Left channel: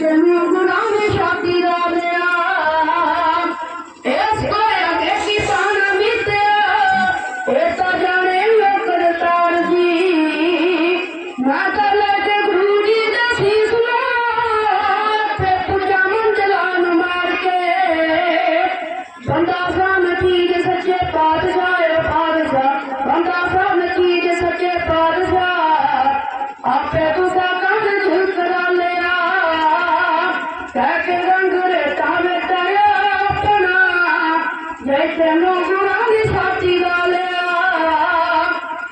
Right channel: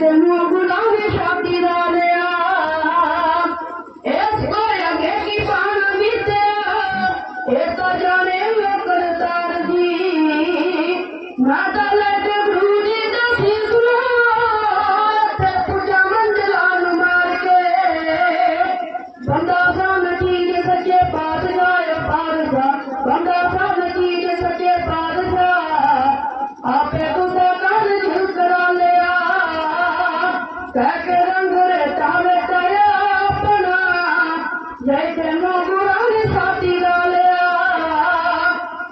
جنگ شادی کا دیا جانے میں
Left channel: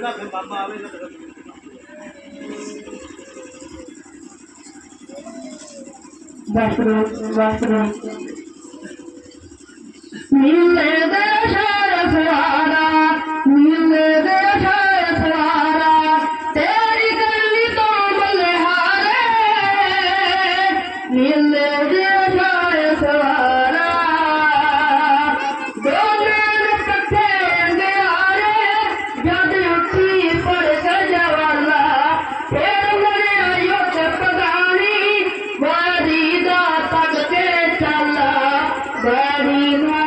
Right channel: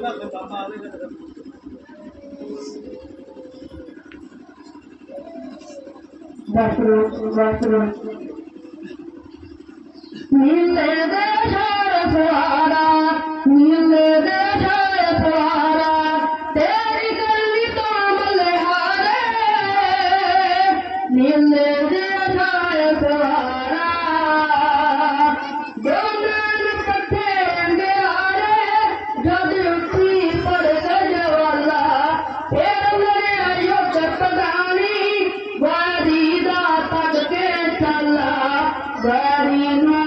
Back to the back to the Daddy.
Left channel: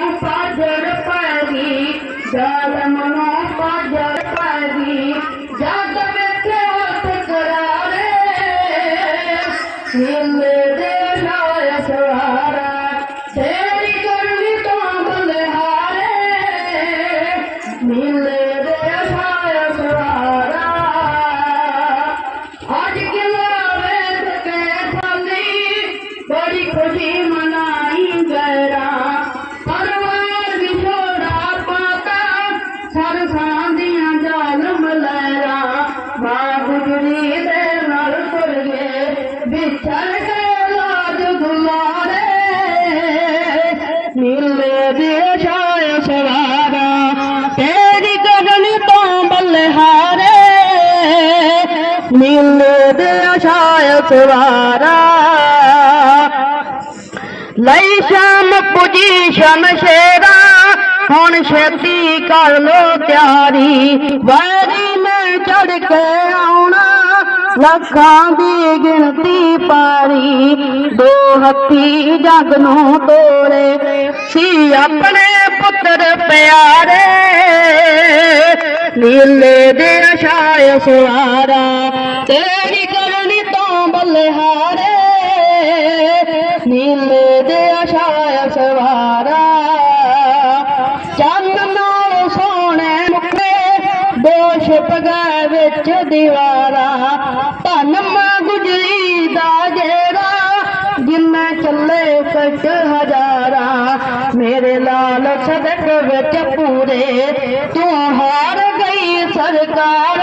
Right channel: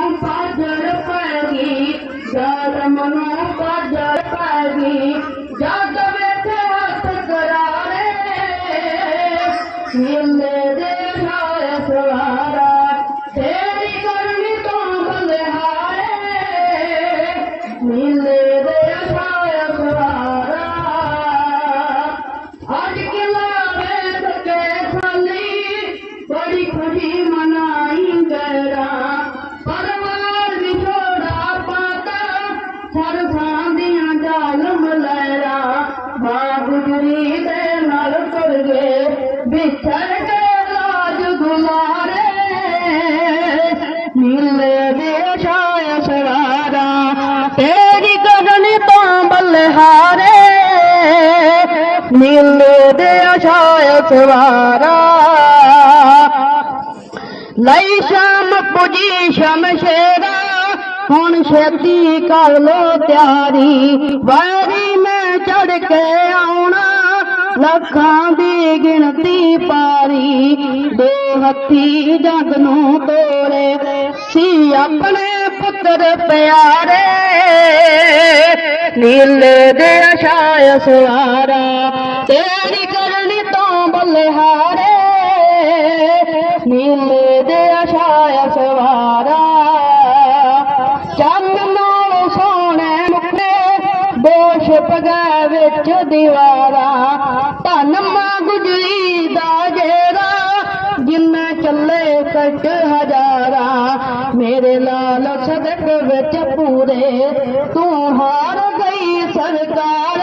خوشی منائی گرا پروار چھوڑا پاتا سر ساندیاں جالم لہرا ماں گجری دے نال تر گئے بچھڑ کے لاج گلارے مل دے دیو شائے سوارا تیری کبنی تو بلہارے مل دے دیو شائے سوارا ਲਈ ਸ਼ਾਮ ਪੁਜੀ ਸ਼ਮਸ਼ੇਰਾ ਹੁਣ ਛੇਤੀ ਕਰ ਲੋ ਤਿਆਰੀ। ਵਾਰੀ ਮੈਂ ਚੜ ਕੇ ਆਉਣਾ, ਲੱਖਾਂ ਦੀ ਗਿਣਤੀ ਪਾਰੀ। ਦੋ ਹੱਥੀ ਜਗ ਨੂੰ ਤੋੜੇ ਸੀ ਆਪਣੇ ਪੁੱਤਰ ਪਿਆਰੇ। ਨੀਲੇ ਦੇ ਛਾਏ ਸਵਾਰਾ ਤੇਰੀ ਕਰਨੀ ਤੋਂ ਬਲਿਹਾਰੇ। ਨੀਲੇ دیوارا پنما گجری دا جیرا جن چلے کٹ ہزارا میرے لال صدق بچ پورے تو ہار گئی سرکار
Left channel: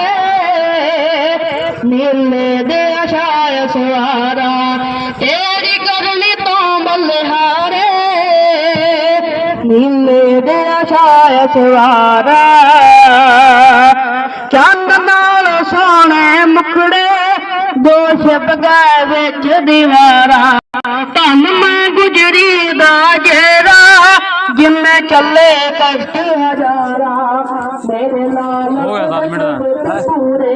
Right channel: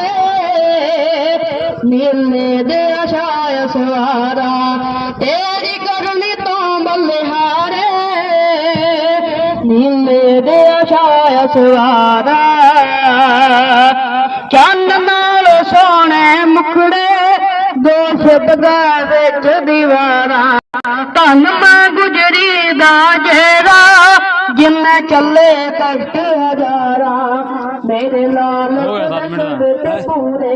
نیلے دے شاہ سوارا تیری کرنی تو بلہارے نیلے دے شاہ سوارا ਦੋਸ਼ ਬਗੈ ਵਿੱਚ ਦੀਵਾਰਾ ਧੰਨ ਮਾਂ ਗੁਜਰੀ ਦਾ ਜੇਰਾ ਜਿੰਨੇ ਚੱਲੇ ਕਸ਼ਟ ਹਜ਼ਾਰਾਂ ਮੇਰੇ ਦਾ। ਪੂਰੇ